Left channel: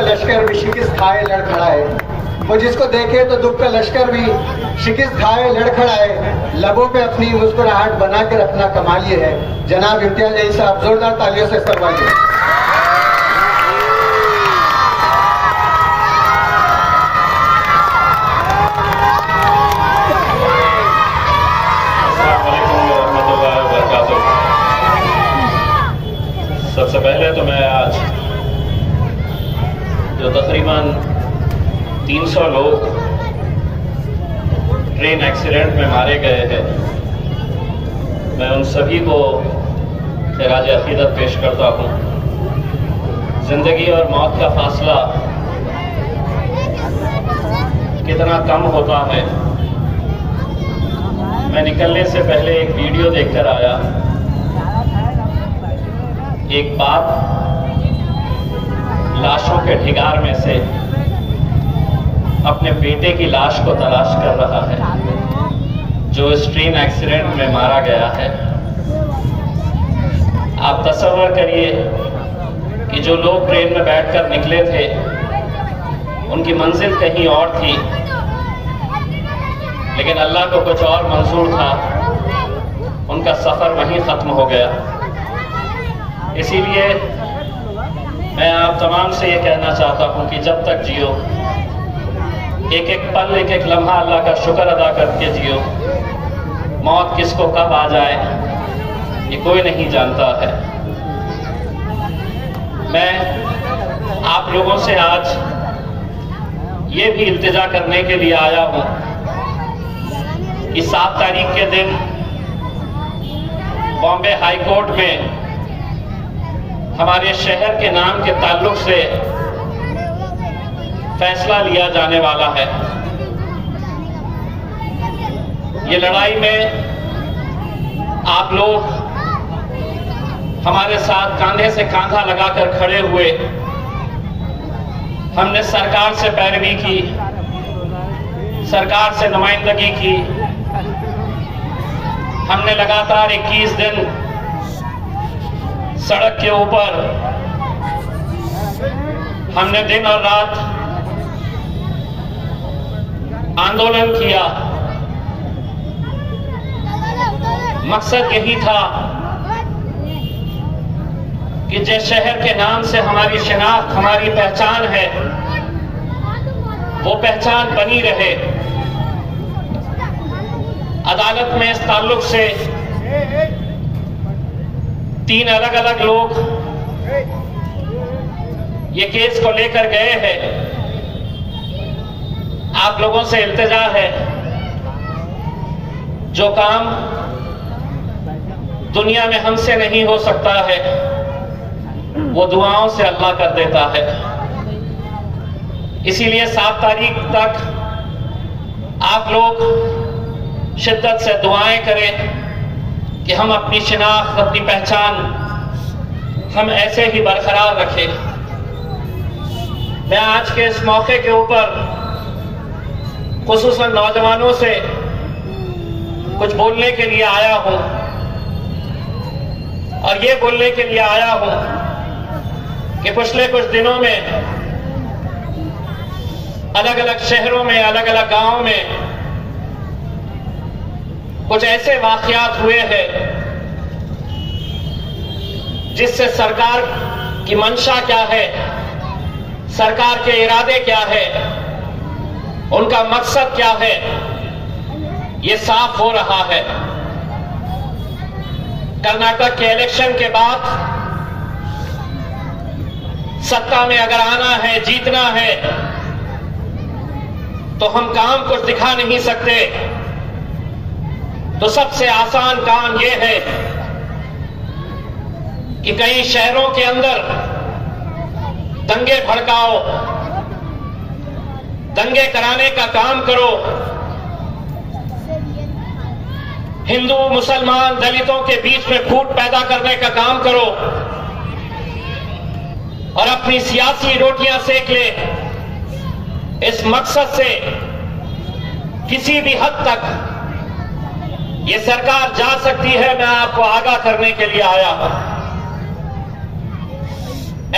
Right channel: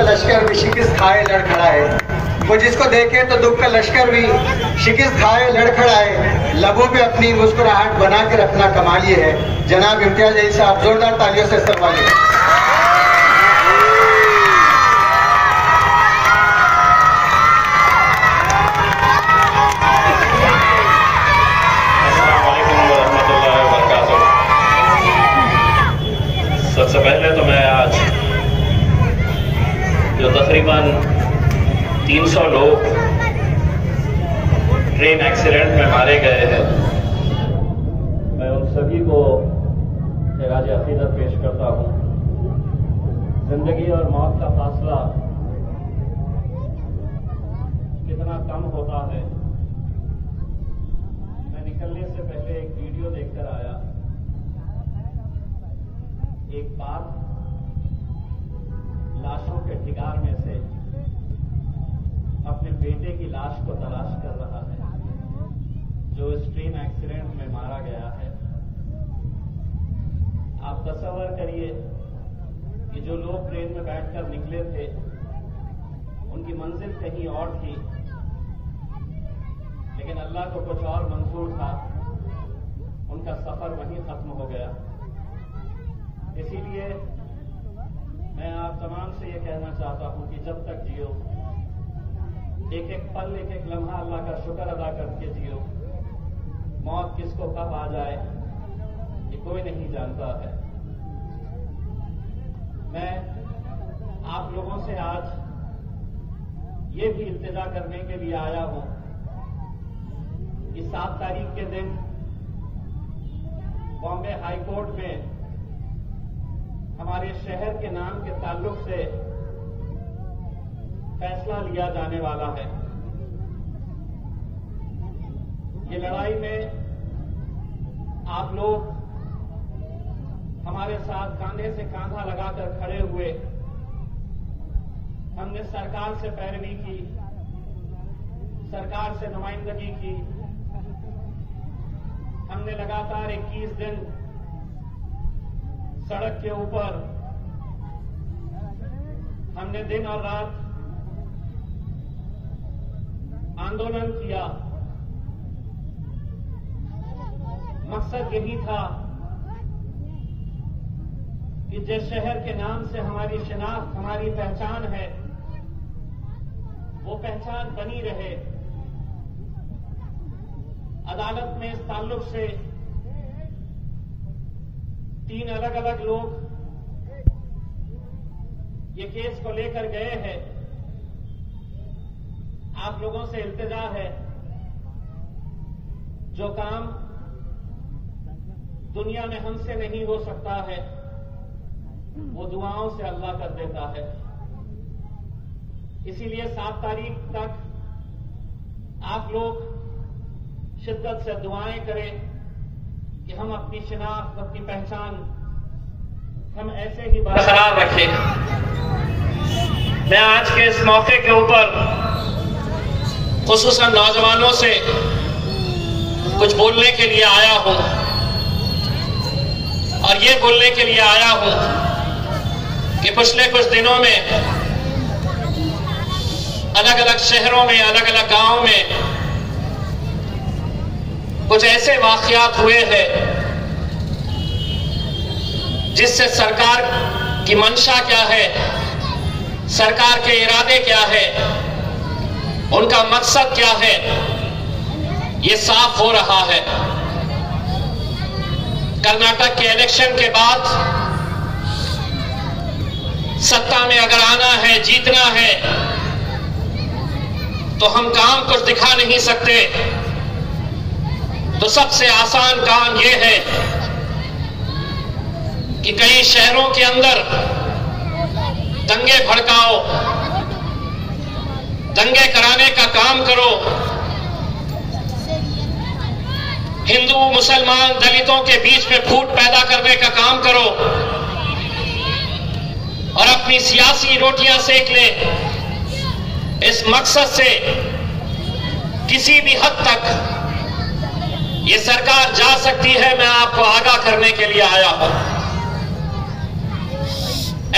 का लश्कर भी शिकस्त खाए लड़ खड़ा है। वो जिसको देखे तो दुख का लश्कर भी शिकस्त खाए लड़ खड़ा है। लबों पे अपनी मुस्कुराहट बना के रखना कमाल ये है। जनाब इम्तियाज अली साहब, जोरदार तालियों से सरवाइए। सबसे पहले तो मैं आज जो तकरीबन 300 लोग ट्रेन एक्सीडेंट में मारे गए हैं, मैं उन सभी को खिराज अकीदत पेश करता हूँ। जिंदगी और मौत का फासला कितना कम होता है। मैं निकलने से पहले एक वीडियो देखकर आया। एक बाप लाशों के ढिगार में से अपने बेटे की लाश को तलाश कर रहा है जो इस ट्रेन एक्सीडेंट में मारा गया है। आप तसव्वुर करिए कि जो लोग ट्रेन में बैठकर निकले थे उनकी मंजिल कहीं और थी, लेकिन अल्लाह को कुछ और मंजूर था। उनका सफर वहीं खत्म हो गया। इसीलिए मैं आप तमाम से ये कहना चाहता हूँ कि जब तक जियो, एक एक पल, एक एक लम्हा अल्लाह का शुक्र अदा करके जियो। मौत किसको कब आ जाए ये कोई नहीं जानता है। मैं आप लोगों से आज ये भी इल्तिजा करने के लिए आया हूँ कि 7 तारीख के दिन बॉम्बे हाई कोर्ट में हमारे शहर के नाम के ताल्लुक से फैसला लिया जाने वाला है। ये लड़ाई में आप लोग हमारे साथ कांधे से कांधा लगाकर खड़े हुए। हमने सरकार से पैरवी की, सरकार से नुमाइंदगी की। हमने लगातार 21 दिन सड़क के ऊपर, हमने दिन और रात आंदोलन किया। मकसद यही था कि जिस शहर के नाम से हमारी शिनाख्त, हमारी पहचान है, वो पहचान बनी रहे। अदालत में इस ताल्लुक से 3 अलग अलग लोग ये केस को लेकर गए हैं। आप लोगों से इल्तिजा है, जो काम दुनिया में हमसे नहीं हो सकता है वो दुआओं से अल्लाह कर देता है। इसीलिए 7 तारीख तक आप लोग शिद्दत से दुआएं करें कि हम अपनी शिनाख्त, अपनी पहचान हम ऐसे ही बरकरार रखें। मैं आज के इस मौके के ऊपर खुसूसन नौजवानों से कुछ बोलने के लिए आया हूं, और ये बोलने के लिए आया हूं कि पिछले कुछ दिनों में अलग अलग शहरों में, अलग अलग गांवों में कुछ ऐसे वाकयात हुए हैं जिससे सरकार की मंशा क्या है, सरकार के इरादे क्या है, उनका मकसद क्या है, ये साफ हो रहा है। कर्नाटक के इलेक्शन के बाद सत्ता में अगर आना है, जीतना है, तो हम काम कुछ दिखा नहीं सकते। तो सबसे आसान काम यह है कि कई शहरों के अंदर दंगे भड़काओ, दंगे कराने का काम करो, हिंदू, मुसलमान, दलितों के बीच में फूट पैदा करने का काम करो और अपनी सियासी रोटियां सेक ले। इस मकसद से किसी भी हद तक ये सरकार जा सकती है, मैं आपको आगाह करने के लिए आया हूं।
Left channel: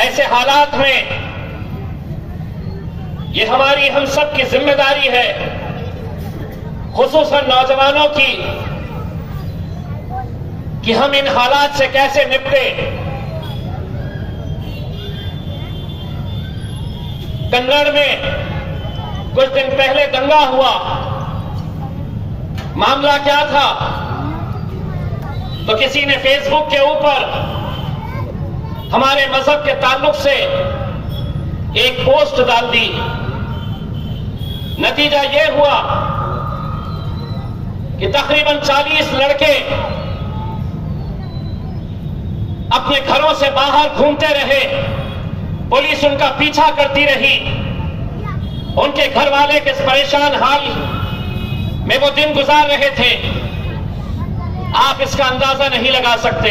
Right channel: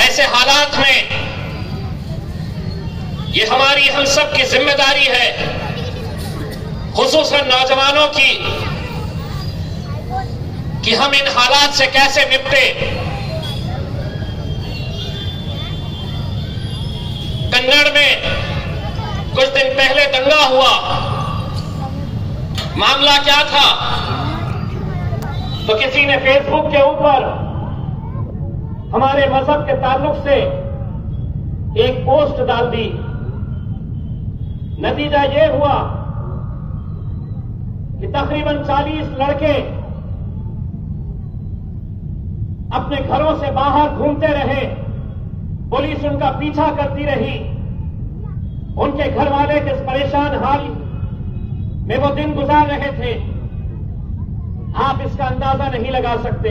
ऐसे हालात में ये हमारी हम सब की जिम्मेदारी है, खुसूसन नौजवानों की, कि हम इन हालात से कैसे निपटे। कन्नड़ में कुछ दिन पहले दंगा हुआ। मामला क्या था? तो किसी ने फेसबुक के ऊपर हमारे मजहब के ताल्लुक से एक पोस्ट डाल दी। नतीजा यह हुआ कि तकरीबन 40 लड़के अपने घरों से बाहर घूमते रहे, पुलिस उनका पीछा करती रही। उनके घर वाले किस परेशान हाल में वो दिन गुजार रहे थे, आप इसका अंदाजा नहीं लगा सकते।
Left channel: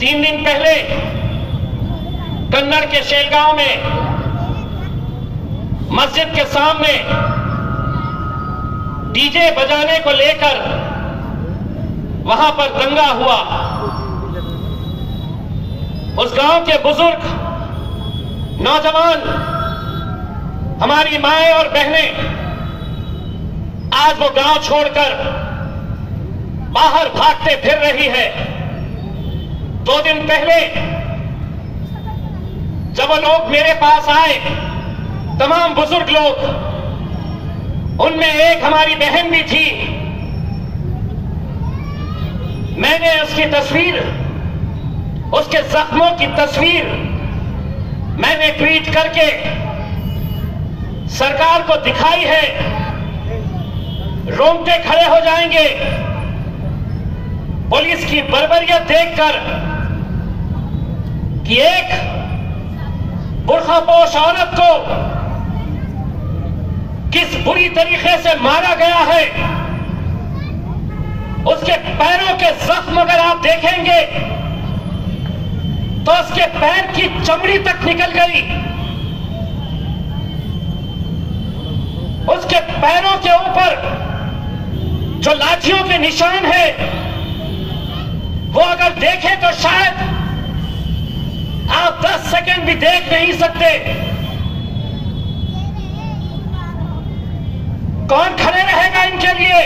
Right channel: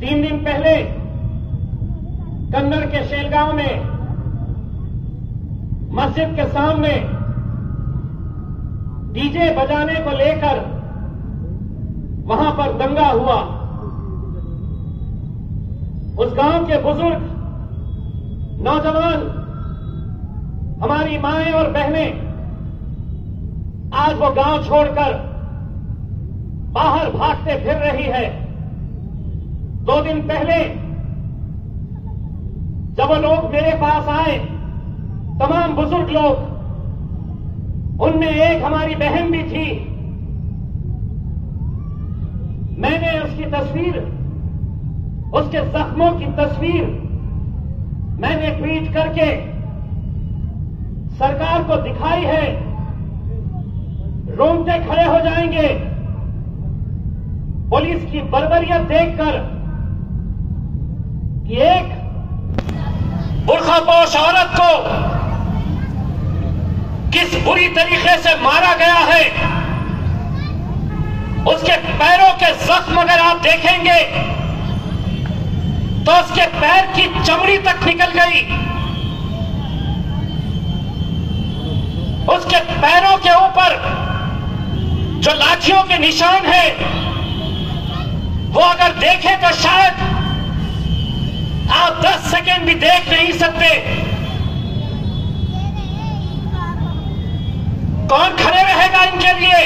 3 दिन पहले कन्नड़ के शेलगांव में मस्जिद के सामने डीजे बजाने को लेकर वहां पर दंगा हुआ। उस गांव के बुजुर्ग, नौजवान, हमारी माएं और बहनें आज वो गांव छोड़कर बाहर भागते फिर रही है। 2 दिन पहले जब वो लोग मेरे पास आए, तमाम बुजुर्ग लोग, उनमें एक हमारी बहन भी थी। मैंने उसकी तस्वीर, उसके जख्मों की तस्वीर मैंने ट्वीट करके सरकार को दिखाई है। रोंगटे खड़े हो जाएंगे पुलिस की बर्बरियत देखकर कि एक बुर्खापोश औरत को किस बुरी तरीके से मारा गया है। उसके पैरों के जख्म अगर आप देखेंगे तो उसके पैर की चमड़ी तक निकल गई। उसके पैरों के ऊपर जो लाठियों के निशान हैं, वो अगर देखें तो शायद आप 10 सेकंड भी देख नहीं सकते। कौन खड़े रहेगा इनके लिए?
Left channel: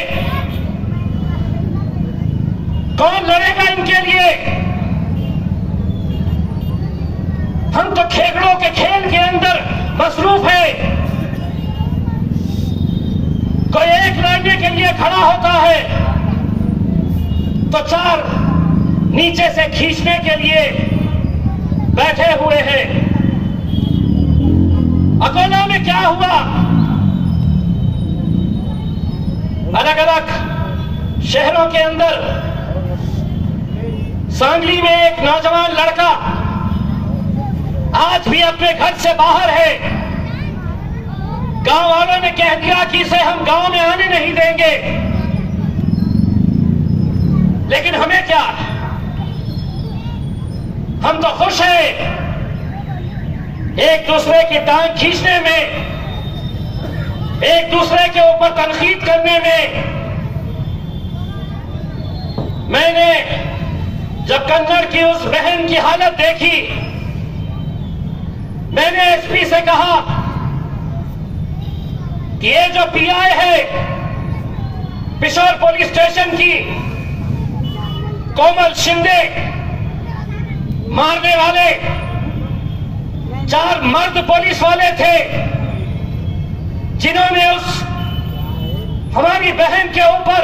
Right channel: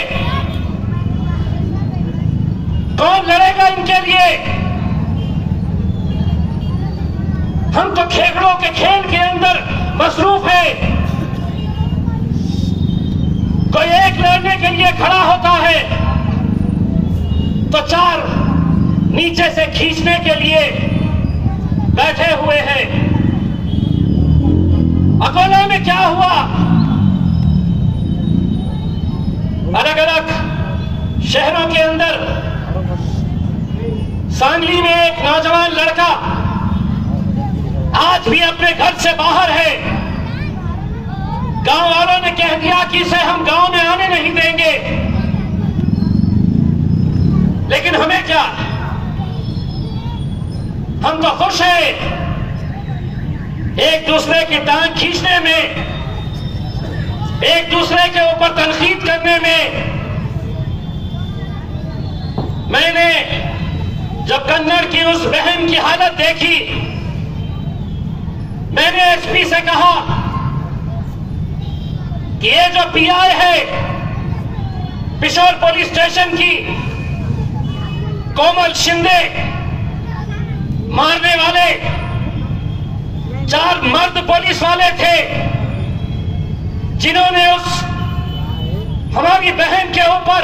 कौन लड़ेगा इनके लिए? हम तो खेगड़ों के खेल के अंदर मसरूफ है। कोई एक लड़ने के लिए खड़ा होता है तो 4 नीचे से खींचने के लिए बैठे हुए हैं। अकोला में क्या हुआ? अलग अलग शहरों के अंदर, सांगली में एक नौजवान लड़का आज भी अपने घर से बाहर है। गांव वालों ने कह दिया कि इसे हम गांव में आने नहीं देंगे, लेकिन हमें क्या, हम तो खुश हैं एक दूसरे की टांग खींचने में, एक दूसरे के ऊपर तनकीद करने में। मैंने जब कन्नड़ की उस बहन की हालत देखी, मैंने एसपी से कहा कि ये जो पीआई है पिशोर पुलिस स्टेशन की, कोमल शिंदे, मारने वाले 4 मर्द पुलिस वाले थे जिन्होंने उस हमारी बहन के ऊपर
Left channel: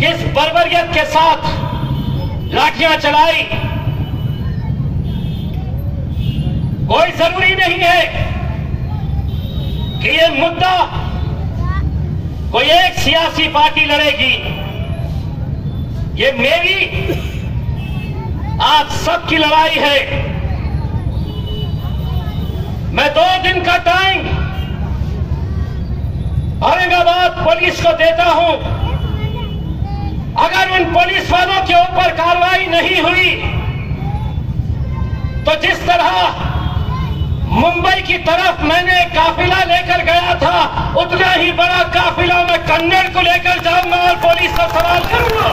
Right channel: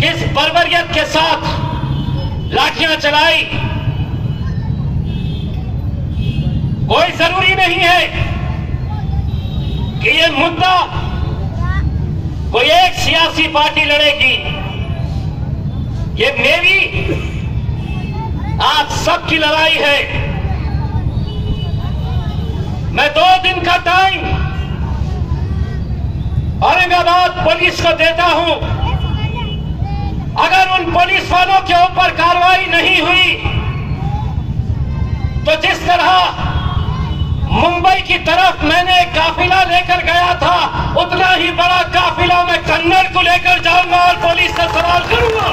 किस बर्बरियत के साथ लाठियां चलाई। कोई जरूरी नहीं है कि ये मुद्दा कोई एक सियासी पार्टी लड़ेगी। ये मेरी, आज सबकी लड़ाई है। मैं 2 दिन का टाइम औरंगाबाद पुलिस को देता हूं। अगर इन पुलिस वालों के ऊपर कार्रवाई नहीं हुई तो जिस तरह मुंबई की तरफ मैंने काफिला लेकर गया था, उतना ही बड़ा काफिला मैं कन्नड़ को लेकर जाऊंगा और पुलिस से सवाल करूंगा।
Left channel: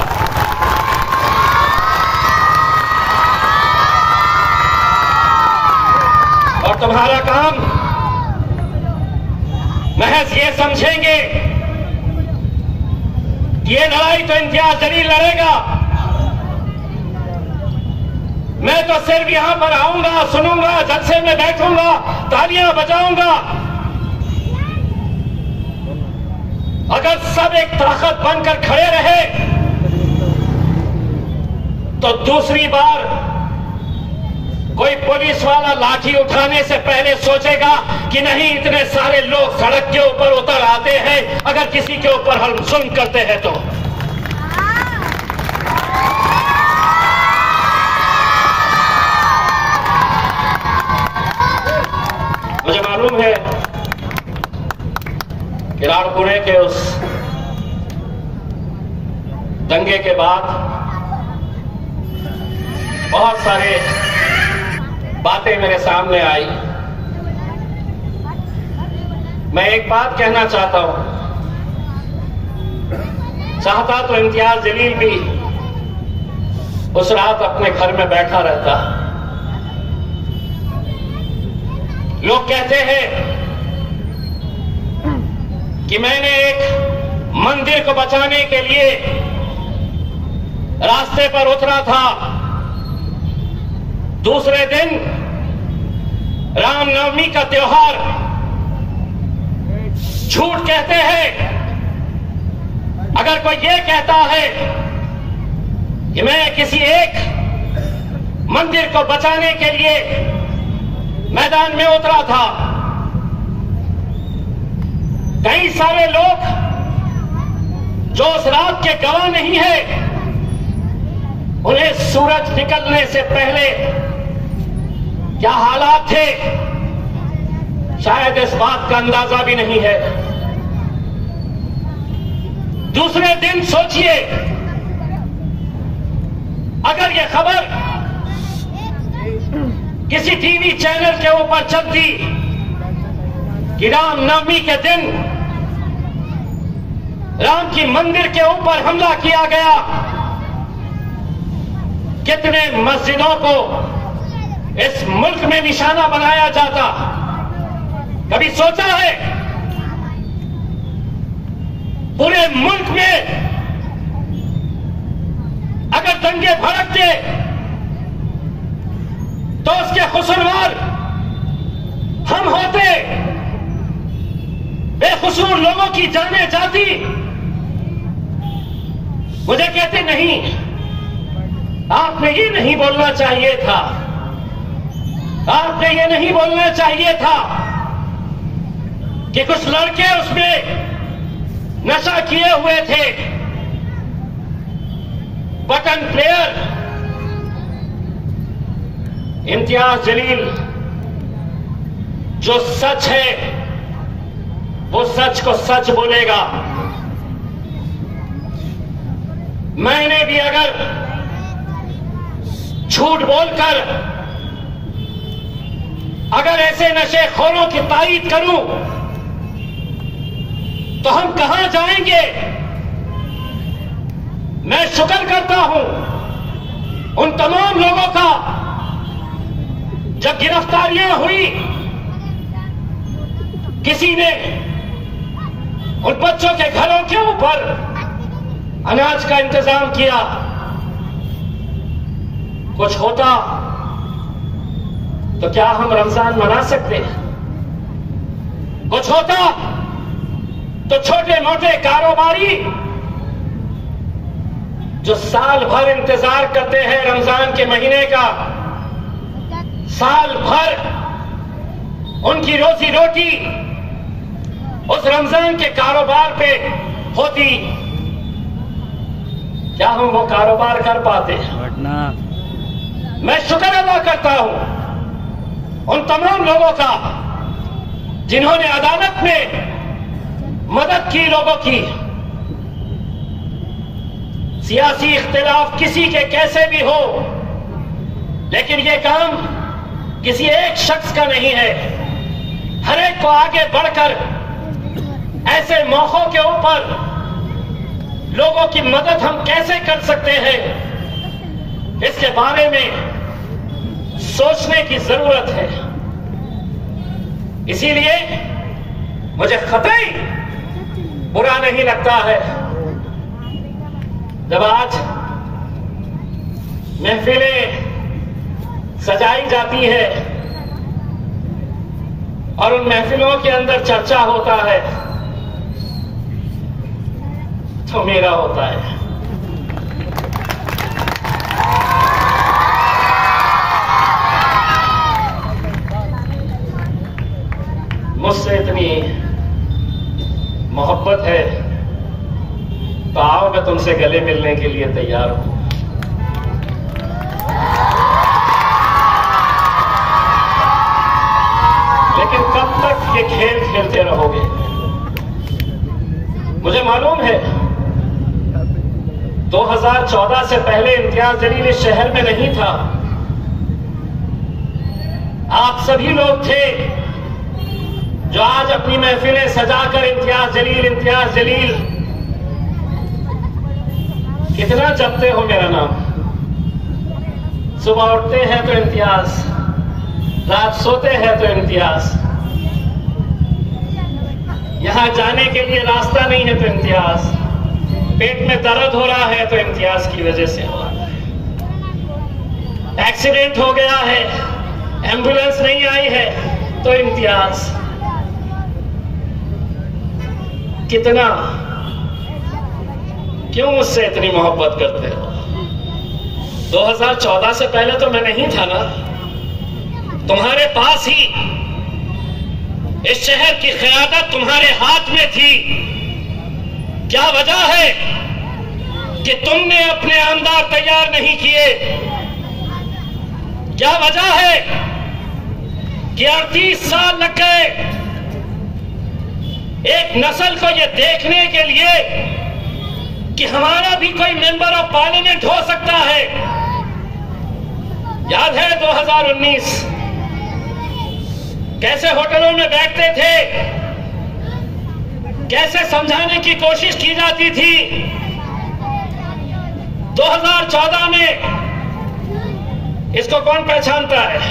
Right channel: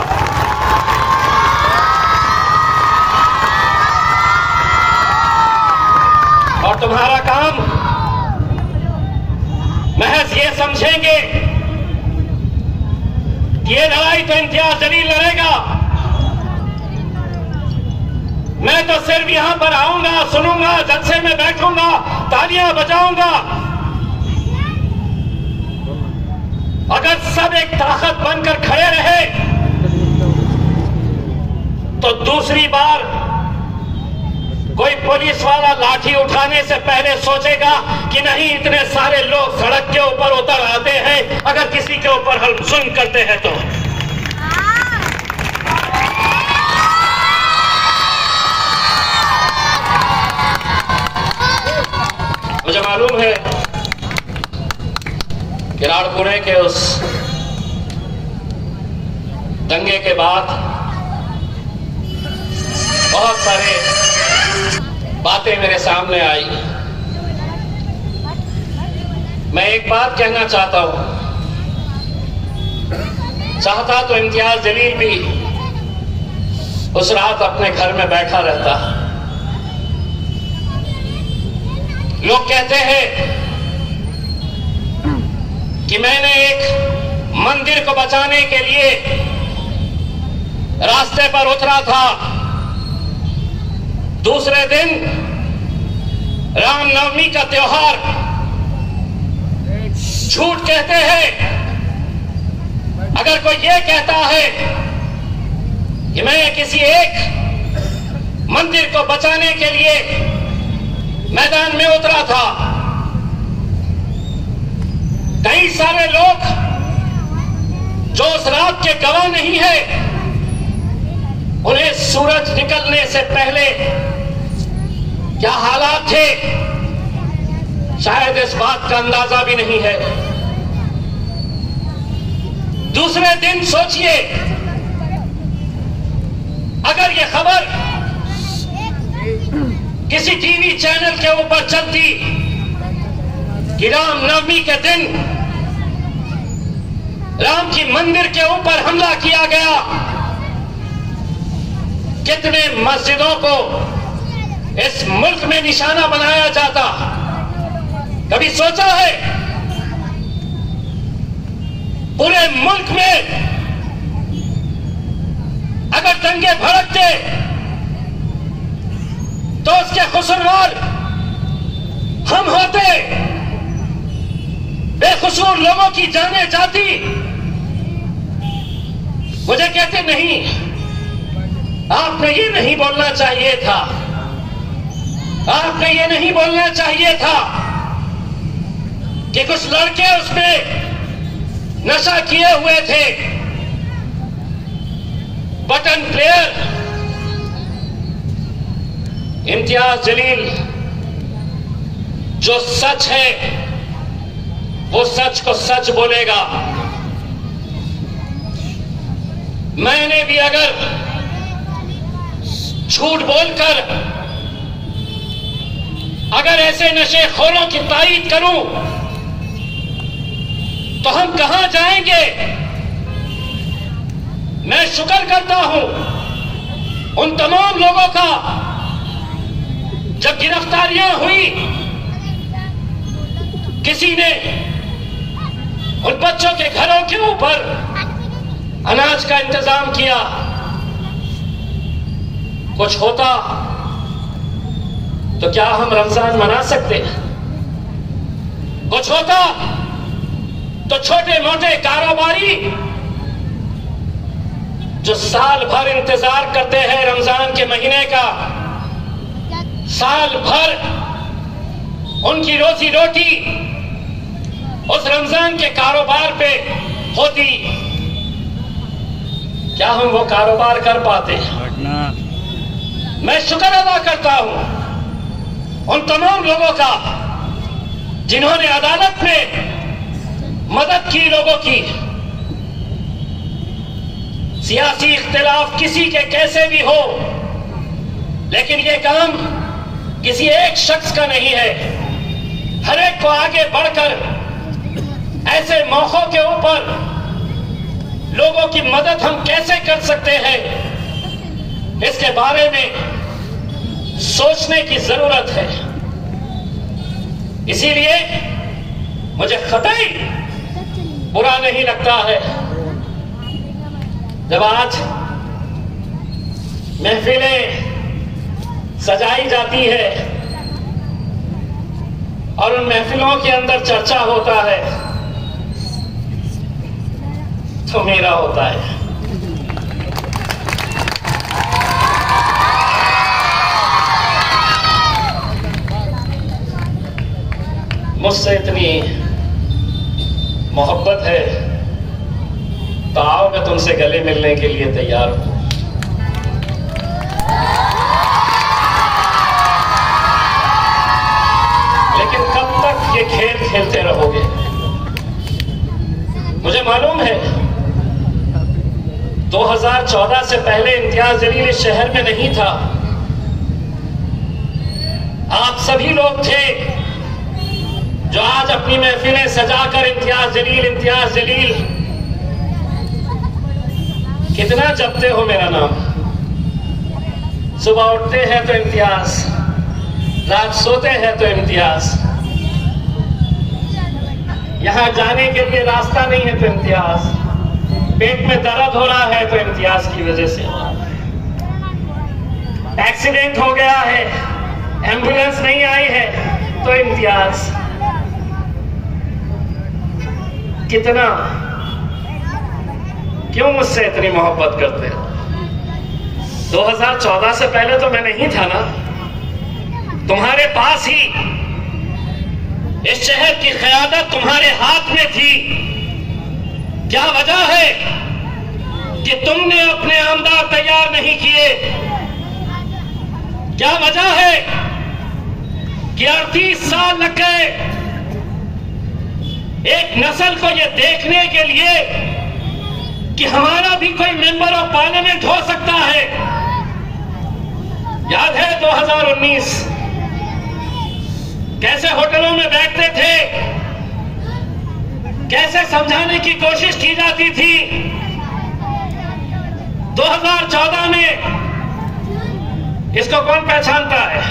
और तुम्हारा काम महज ये समझेंगे कि ये लड़ाई तो इम्तियाज जलील लड़ेगा, मैं तो सिर्फ यहां पर आऊंगा, सुनूंगा, जलसे में बैठूंगा, तालियां बजाऊंगा। अगर सब एक ताकत बनकर खड़े रहे तो दूसरी बार कोई पुलिस वाला लाठी उठाने से पहले सोचेगा कि नहीं, इतने सारे लोग सड़क के ऊपर उतर आते हैं, अगर किसी के ऊपर हम जुल्म करते हैं तो। मुझे मालूम है कि राणपुरे के उस दंगे के बाद बहुत सारे बातें मेरे सामने आई। मैं एक बात कहना चाहता हूं, चाहता तो इम्तियाज जलील भी उस रात अपने घर में बैठा रहता। लोग कहते हैं कि मैंने एक मंदिर को बचाने के लिए रास्ते पर उतरा था, दूसरे दिन रामनवमी का त्योहार, झूठ कहते हैं। अगर कोई ये कहता है कि मैं किसी एक मंदिर को बचाने के लिए मैदान में उतरा था, कई सारे लोग जो उस रात के गवाह नहीं है, उन्हें सूरज निकलने से पहले क्या हालात थे शायद इस बात का अंदाजा भी नहीं है। दूसरे दिन सोचिए, अगर यह खबर किसी टीवी चैनल के ऊपर चलती कि रामनवमी के दिन राम की मंदिर के ऊपर हमला किया गया, कितने मस्जिदों को इस मुल्क में निशाना बनाया जाता। कभी सोचा है पूरे मुल्क में अगर दंगे भड़कते तो उसके कसूरवार हम होते, बेकसूर लोगों की जाने जाती। मुझे कहते नहीं, आपने ये नहीं बोलना चाहिए था, आपने ये नहीं बोलना चाहिए था कि कुछ लड़के उसमें नशा किए हुए थे, बटन प्लेयर। इम्तियाज जलील जो सच है वो सच को सच बोलेगा। मैंने भी अगर झूठ बोलकर अगर ऐसे नशेखोरों की तारीफ करूं तो हम कहां जाएंगे। मैं शुक्र करता हूं उन तमाम लोगों का, जब गिरफ्तारियां हुई किसी ने उन बच्चों के घरों के ऊपर अनाज का इंतजाम किया। कुछ होता तो क्या हम रमजान मना सकते? कुछ होता तो छोटे मोटे कारोबारी जो साल भर इंतजार करते हैं रमजान के महीने का, साल भर उनकी रोजी रोटी उस रमजान के कारोबार पे होती, क्या हम वो कारोबार कर पाते? मैं शुक्र अदा करता हूं उन तमाम लोगों का जिन्होंने अदालत में मदद की लोगों की। सियासी इख्तिलाफ किसी के कैसे भी हो, लेकिन ये काम किसी एक शख्स का नहीं है। हर एक को आगे बढ़कर ऐसे मौकों के ऊपर लोगों की मदद हम कैसे कर सकते हैं, इसके बारे में सोचने की जरूरत है। इसीलिए मुझे कतई बुरा नहीं लगता है जब आज महफिलें सजाई जाती है और उन महफिलों के अंदर चर्चा होता है तो मेरा होता है। मुझसे इतनी मोहब्बत है तो आओ, मैं तुमसे गले मिलने के लिए तैयार हूं। लेकिन कब तक ये खेल खेलते रहोगे? मुझे मालूम है 2014 से पहले इम्तियाज जलील इस शहर में नहीं था। आप सभी लोग थे जो आज अपनी महफिलें सजाकर इम्तियाज जलील कितना जपते हो मेरा नाम। सुबह उठते हैं तो इम्तियाज, रात सोते हैं तो इम्तियाज, यहां जाने के लिए रास्ता नहीं है तो इम्तियाज, पेट में दर्द हो रहा है तो इम्तियाज की वजह से हो रहा है, एक्सीडेंट हो गया है, एम्बुलेंस नहीं आई है तो इम्तियाज। कितना, क्यों मुझसे इतनी मोहब्बत करते हो? 2014 से पहले तो मैं नहीं था ना, तुम्हारे पास ही इस शहर की क़यादत तुम्हारे हाथ में थी। क्या वजह है कि तुमने अपने आमदार तैयार नहीं किए? क्या वजह है कि 38 साल लग गए एक नस्ल को यह देखने के लिए कि हमारा भी कोई मेंबर ऑफ पार्लियामेंट हो सकता है? याद है 2019 कैसे होटलों में बैठते थे, कैसे समझाने की कोशिश की जाती थी। 2014 में इसको कौन पहचानता है?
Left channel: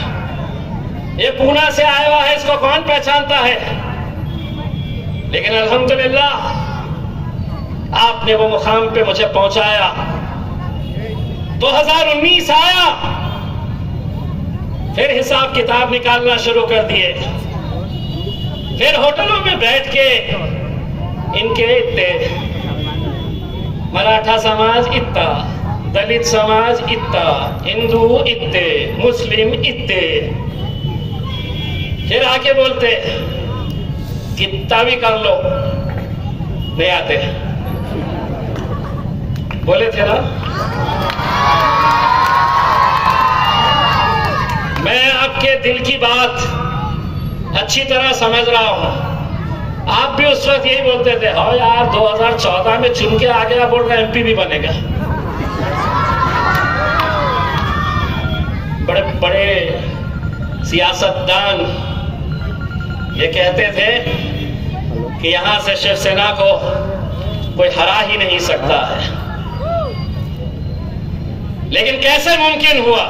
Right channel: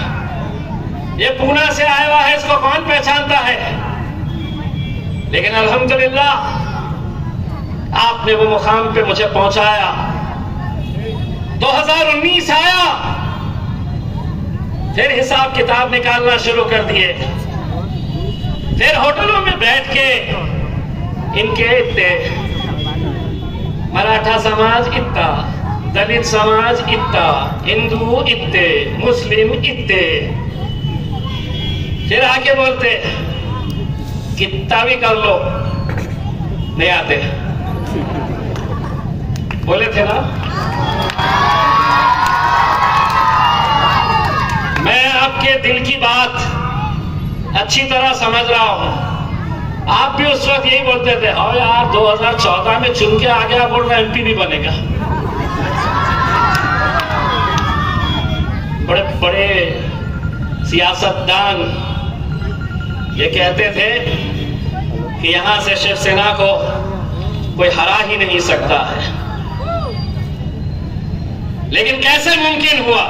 ये पूना से आया हुआ है, इसको कौन पहचानता है? लेकिन अल्हम्दुलिल्लाह आपने वो मुकाम पे मुझे पहुंचाया। 2019 आया, फिर हिसाब किताब निकालना शुरू कर दिए, फिर होटलों में बैठ के इनके इतने मराठा समाज इतना, दलित समाज इतना, हिंदू इतने, मुस्लिम इतने, फिर आके बोलते कितना भी कर लो नहीं आते। बोले थे ना, मैं आपके दिल की बात अच्छी तरह समझ रहा हूं। आप भी उस वक्त यही बोलते थे, हाँ यार 2014 में चुन के आ गया, बोल रहा एमपी भी बनेगा। बड़े बड़े सियासतदान ये कहते थे कि यहां से शिवसेना को कोई हरा ही नहीं सकता है। लेकिन कैसे मुमकिन हुआ?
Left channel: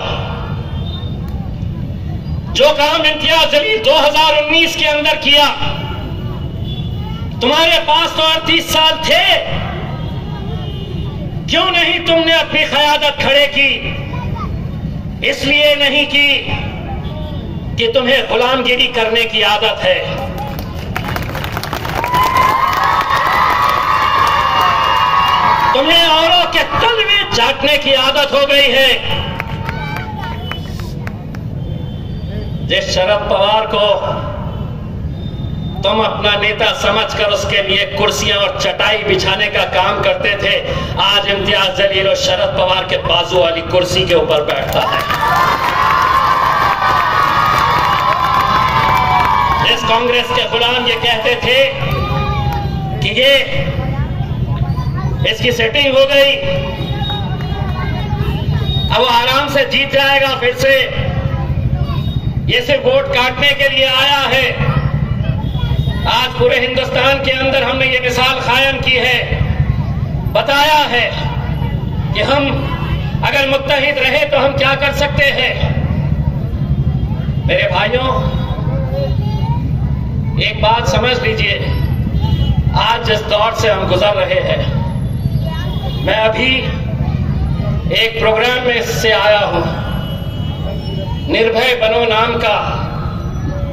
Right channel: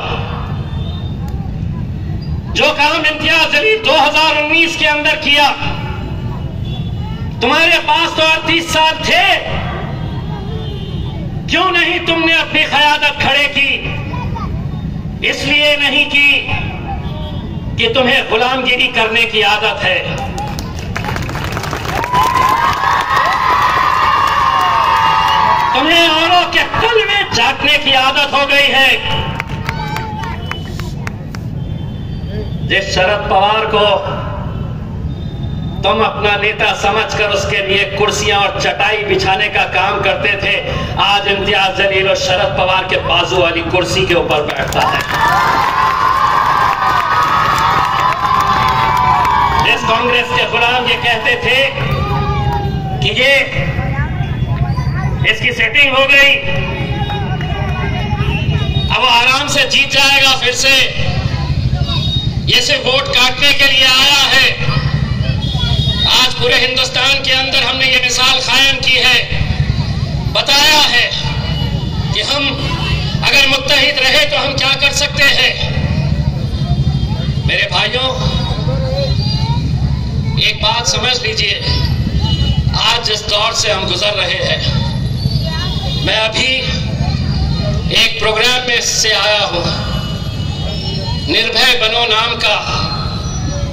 जो काम इम्तियाज जलील 2019 के अंदर किया, तुम्हारे पास तो 38 साल थे, क्यों नहीं तुमने अपनी क़यादत खड़े की? इसलिए नहीं की कि तुम्हें गुलामगिरी करने की आदत है। तुम्हें औरों के तल में झांकने की आदत हो गई है। जिस शरद पवार को तुम अपना नेता समझकर उसके लिए कुर्सियां और चटाई बिछाने का काम करते थे, आज इम्तियाज जलील और शरद पवार के बाजू वाली कुर्सी के ऊपर बैठता है। इस कांग्रेस के गुलाम ये कहते थे कि ये इसकी सेटिंग हो गई, अब वो आराम से जीत जाएगा, फिर से ये सिर्फ वोट काटने के लिए आया है। आज पूरे हिंदुस्तान के अंदर हमने ये मिसाल कायम की है, बताया है कि हम अगर मुत्तहिद रहे तो हम क्या कर सकते हैं। मेरे भाइयों, एक बात समझ लीजिए, आज जिस दौर से हम गुजर रहे हैं, मैं अभी एक प्रोग्राम में से आया हूं। निर्भय बनो नाम का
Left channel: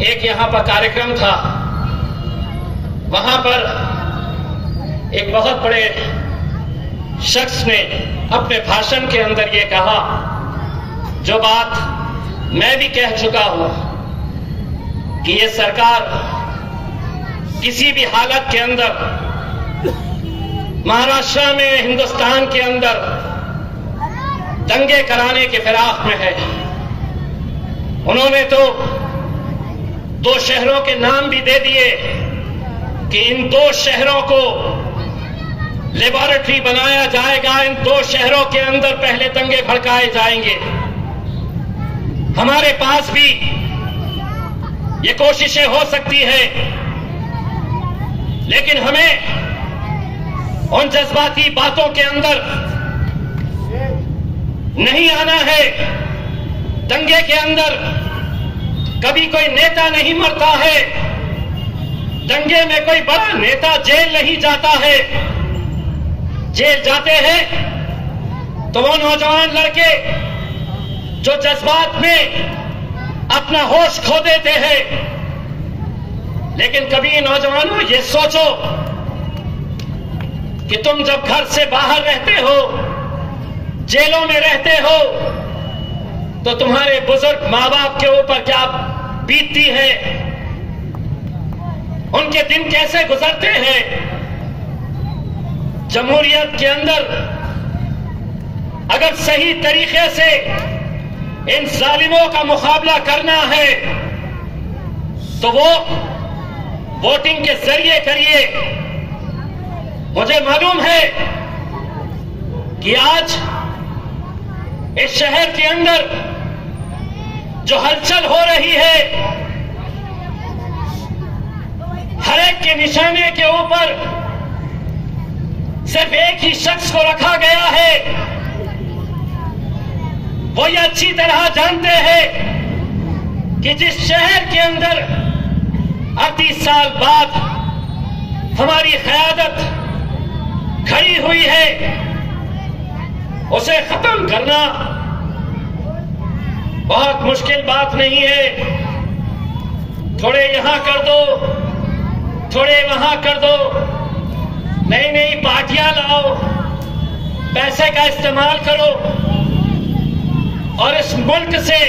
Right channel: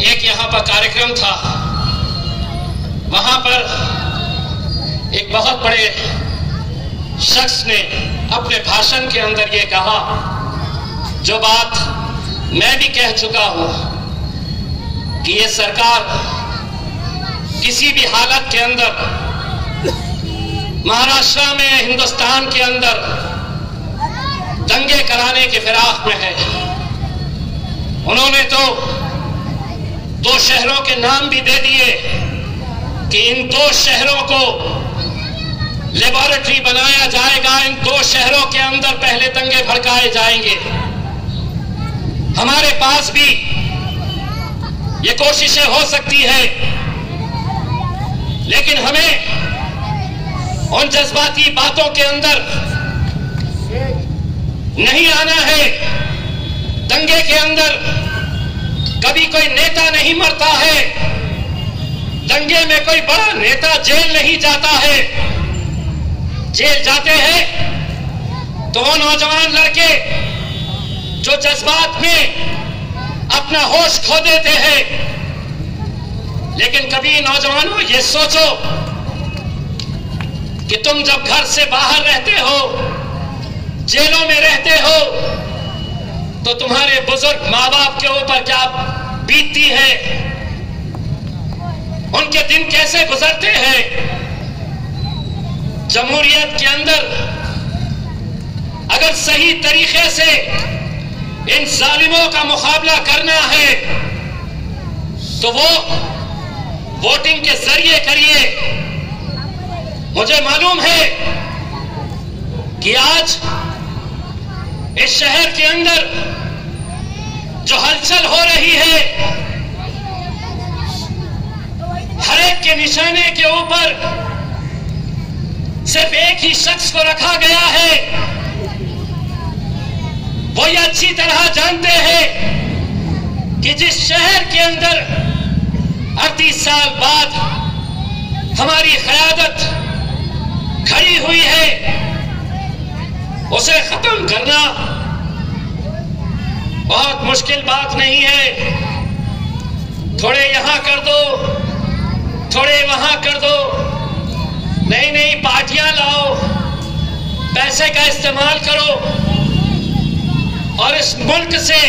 एक यहां पर कार्यक्रम था। वहां पर एक बहुत बड़े शख्स ने अपने भाषण के अंदर ये कहा, जो बात मैं भी कह चुका हूं, कि ये सरकार किसी भी हालत के अंदर महाराष्ट्र में, हिंदुस्तान के अंदर दंगे कराने के फिराक में है। उन्होंने तो 2 शहरों के नाम भी दे दिए कि इन 2 शहरों को लेबोरेटरी बनाया जाएगा, इन 2 शहरों के अंदर पहले दंगे भड़काए जाएंगे। हमारे पास भी ये कोशिशें हो सकती है, लेकिन हमें उन जज्बाती बातों के अंदर नहीं आना है। दंगे के अंदर कभी कोई नेता नहीं मरता है, दंगे में कोई बड़ा नेता जेल नहीं जाता है। जेल जाते हैं तो वो नौजवान लड़के जो जज्बात में अपना होश खो देते हैं। लेकिन कभी नौजवानों ये सोचो कि तुम जब घर से बाहर रहते हो, जेलों में रहते हो, तो तुम्हारे बुजुर्ग माँ बाप के ऊपर क्या बीतती है, उनके दिन कैसे गुजरते हैं। जमहूरियत के अंदर अगर सही तरीके से इन जालिमों का मुकाबला करना है तो वो वोटिंग के जरिए करिए। मुझे मालूम है कि आज इस शहर के अंदर जो हलचल हो रही है, हर एक के निशाने के ऊपर सिर्फ एक ही शख्स को रखा गया है। वो ये अच्छी तरह जानते हैं कि जिस शहर के अंदर 38 साल बाद हमारी क़यादत खड़ी हुई है, उसे खत्म करना बहुत मुश्किल बात नहीं है। थोड़े यहां कर दो, थोड़े वहां कर दो, नई नई पार्टियां लाओ, पैसे का इस्तेमाल करो और इस मुल्क से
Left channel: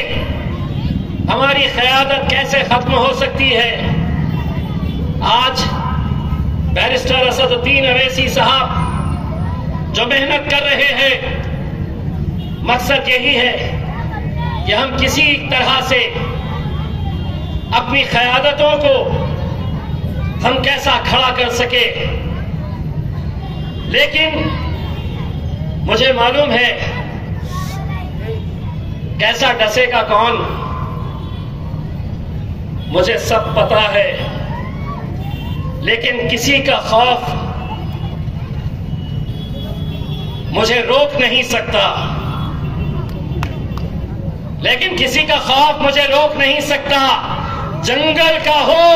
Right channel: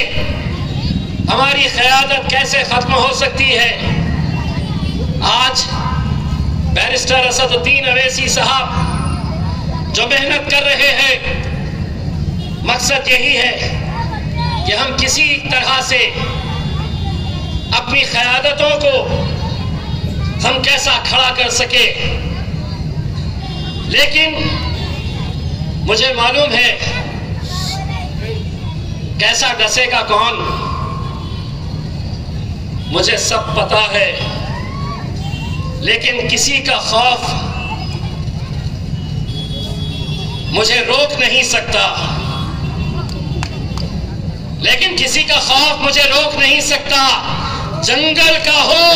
हमारी क़यादत कैसे खत्म हो सकती है। आज बैरिस्टर असदुद्दीन अवैसी साहब जो मेहनत कर रहे हैं, मकसद यही है कि हम किसी तरह से अपनी क़यादतों को हम कैसा खड़ा कर सके। लेकिन मुझे मालूम है कैसा डसेगा कौन, मुझे सब पता है। लेकिन किसी का खौफ मुझे रोक नहीं सकता, लेकिन किसी का खौफ मुझे रोक नहीं सकता। जंगल का हो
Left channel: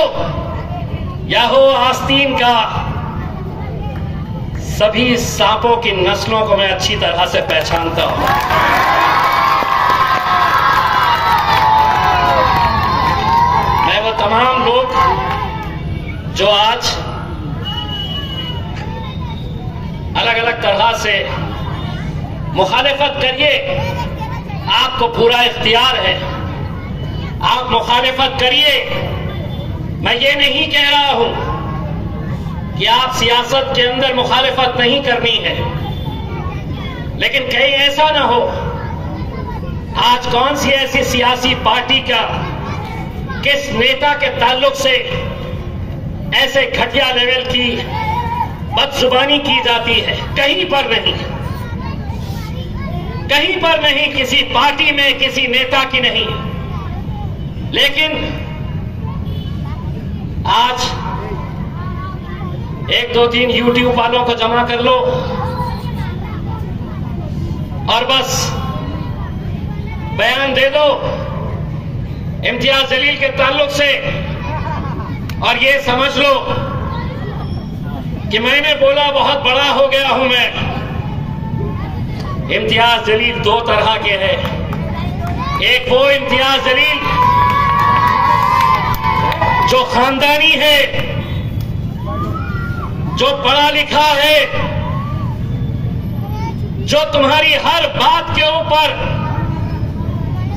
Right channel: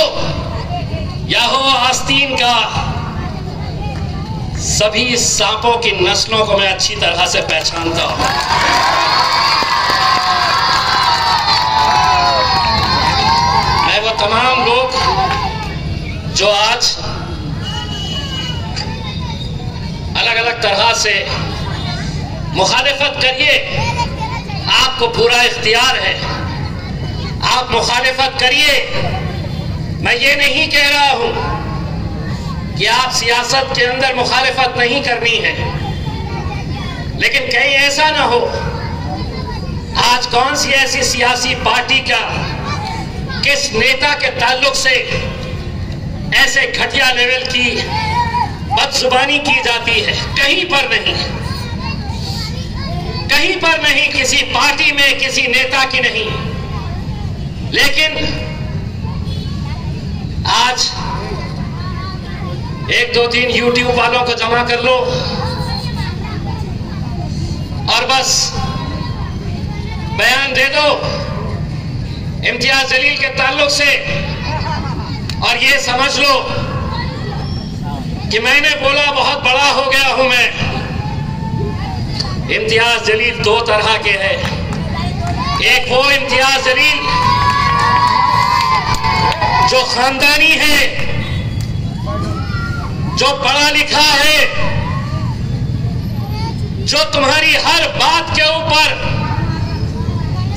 या हो आस्तीन का, सभी सांपों की नस्लों को मैं अच्छी तरह से पहचानता हूं। मैं वो तमाम लोग जो आज अलग अलग तरह से मुखालिफत करिए, आपको पूरा इख्तियार है, आप मुखालिफत करिए। मैं ये नहीं कह रहा हूं कि आप सियासत के अंदर मुखालिफत नहीं करनी है, लेकिन कहीं ऐसा ना हो आज कौन सी ऐसी सियासी पार्टी का किस नेता के ताल्लुक से ऐसे घटिया लेवल की बदजुबानी की जाती है। कहीं पर नहीं, कहीं पर नहीं, किसी पार्टी में किसी नेता की नहीं। लेकिन आज 1, 2, 3 यूट्यूब वालों को जमा कर लो और बस बयान दे दो इम्तियाज जलील के ताल्लुक से, और ये समझ लो कि मैंने बोला बहुत बड़ा हो गया हूं मैं। इम्तियाज जलील दो तरह के हैं। एक वो इम्तियाज जलील जो खानदानी है, जो पढ़ा लिखा है, जो तुम्हारी हर बात के ऊपर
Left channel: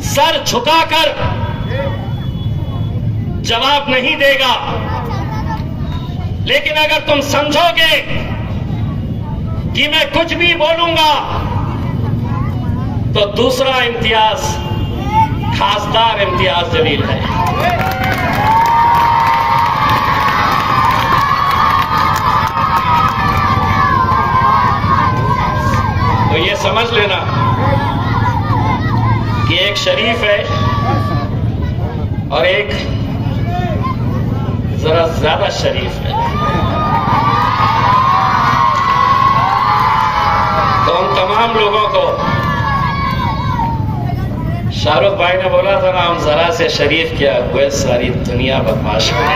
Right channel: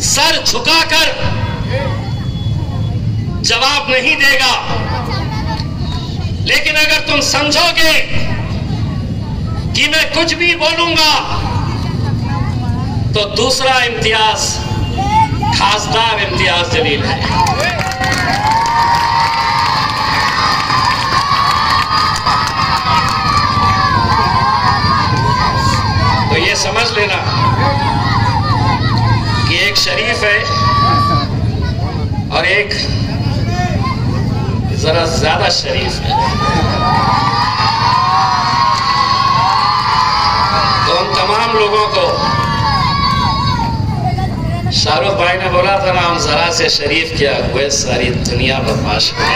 सर झुकाकर जवाब नहीं देगा। लेकिन अगर तुम समझोगे कि मैं कुछ भी बोलूंगा, तो दूसरा इम्तियाज खासदार इम्तियाज जलील है। तो ये समझ लेना कि एक शरीफ है और एक जरा ज्यादा शरीफ है। तो उन तमाम लोगों को शाहरुख भाई ने बोला था ना, हम जरा से शरीफ क्या हुए, सारी दुनिया बदमाश हुई।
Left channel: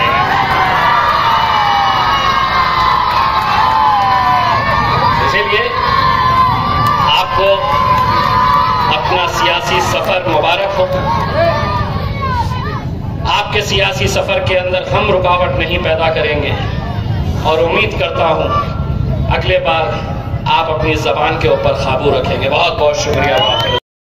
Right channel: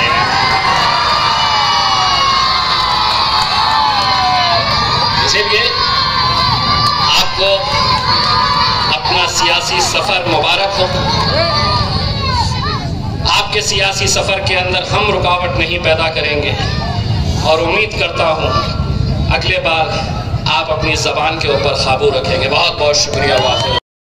इसीलिए आपको अपना सियासी सफर मुबारक हो। आपके सियासी सफर के अंदर हम रुकावट नहीं पैदा करेंगे और उम्मीद करता हूं अगले बार आप अपनी जबान के ऊपर काबू रखेंगे। बहुत बहुत शुक्रिया।